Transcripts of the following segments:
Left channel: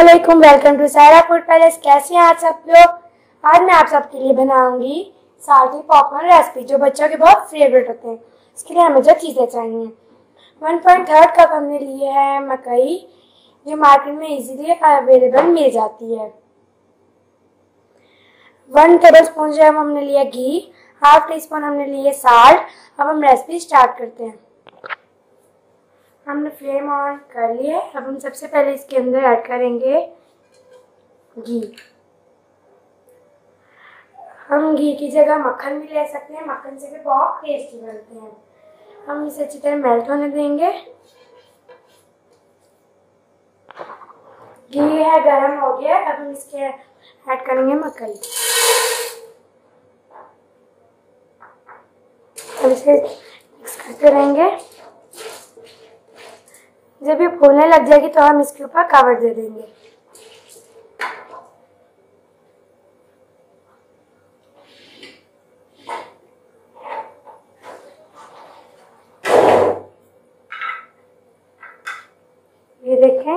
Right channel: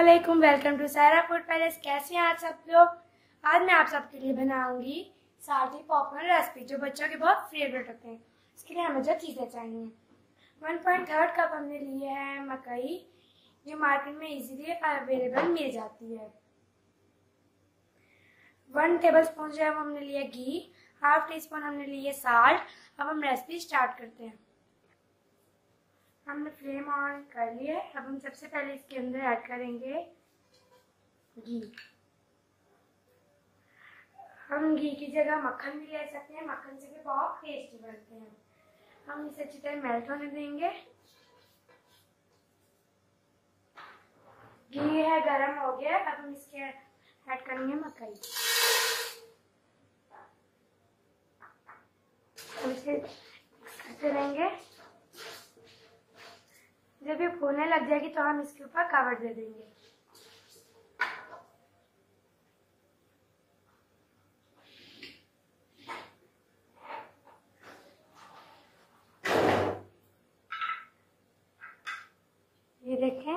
अस्सलामुअलैकुम, welcome to Saira food palace. कैसे हैं आप सब लोग। आज मैं आप सबके लिए बनाऊंगी साल्टी पॉपकॉर्न रेसिपी जो बच्चों के बहुत फेवरेट होते हैं। इसके लिए हमें जो चीज़ें चाहिए, 1.3 कप हमने लिए है मकई जो मार्केट में इजीली अवेलेबल मिल जाती है। 1 टेबल स्पून जो है हमने लिया घी, हाफ टी स्पून हमने लिए साल्ट। अब हम रेसिपी स्टार्ट करते हैं। हमने फ्लेम ऑन कर लिया है। अब हम सबसे पहले इसके अंदर ऐड करेंगे घी। हम घी की जगह मक्खन भी ले सकते हैं, मक्खन से भी बहुत टेस्टी बनते हैं। हम इसे अच्छी तरह मेल्ट होने देंगे। घी है गरम हो गया। अब हम इसके ऐड करेंगे मकई। अब इसे मिक्स करते रहेंगे। जब ये फूलने लग जाएगी तो हम इसके ऊपर कवर दे देंगे। ये देखें,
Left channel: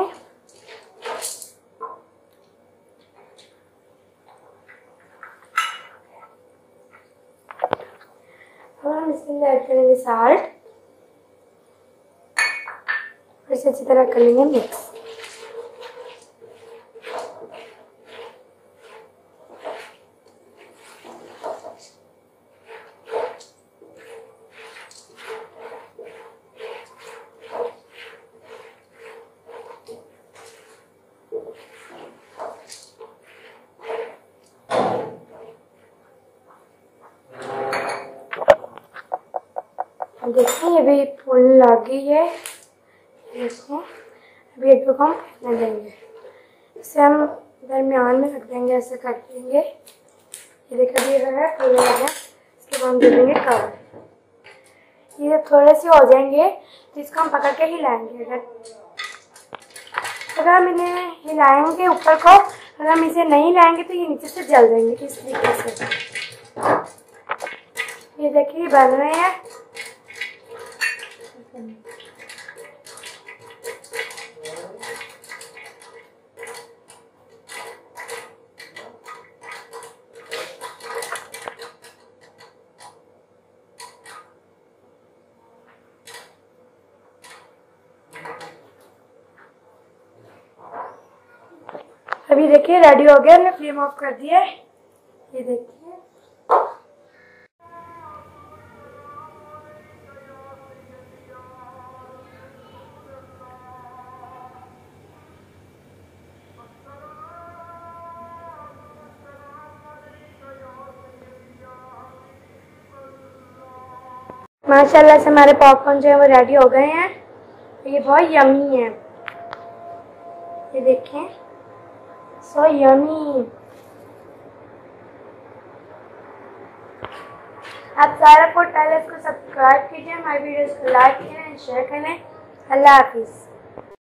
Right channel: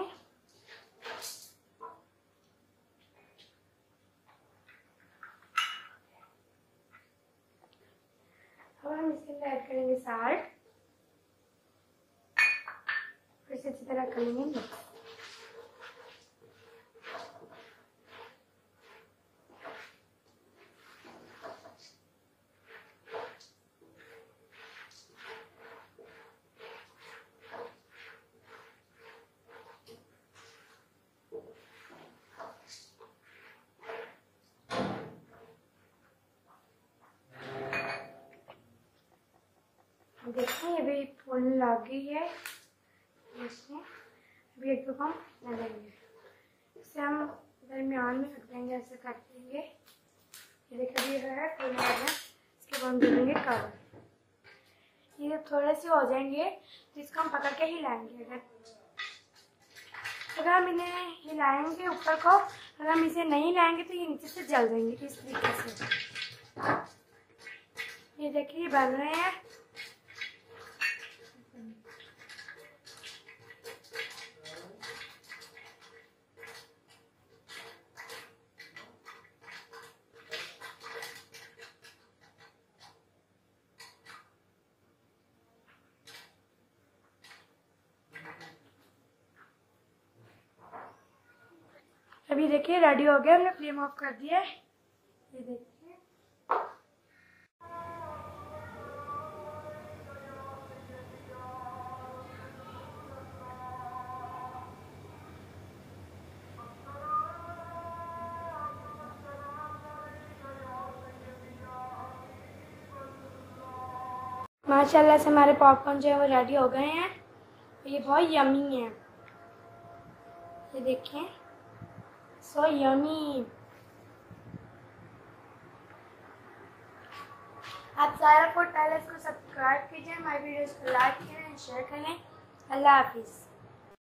और हम इसके अंदर ऐड करेंगे साल्ट। इसे अच्छी तरह कर लेंगे मिक्स। देखिए ये भी फूलने लग गई है। देखिए अभी एक दो हम फेंकने देंगे। इसे हम दरमियान में रख देंगे, ऐसे कर देंगे। ये देखिए ये है फूलने लगा। इसके बाद हम दे देंगे कवर। ये थोड़े से हो जाएंगे तो इसको हम पकड़ के हिलाएंगे। अगर हम इन्हें हिलाएंगे ऊपर को, अगर हम इसे नहीं हिलाएंगे तो ये नीचे से जल जाएंगे। तो इस तरीके से ये देखिए बन रहे हैं। अभी देखिए रेडी हो गया। हमने फ्लेम ऑफ कर दिया है। ये देखिए माशाल्लाह से हमारे पॉपकॉर्न जो है वो रेडी हो गए हैं। ये बहुत यमी है। ये देखें, सो यमी। आप सायरा फूड पैलेस को सब्सक्राइब कीजिए, हमारी वीडियोस को लाइक करें, शेयर करें। अल्लाह हाफिज़।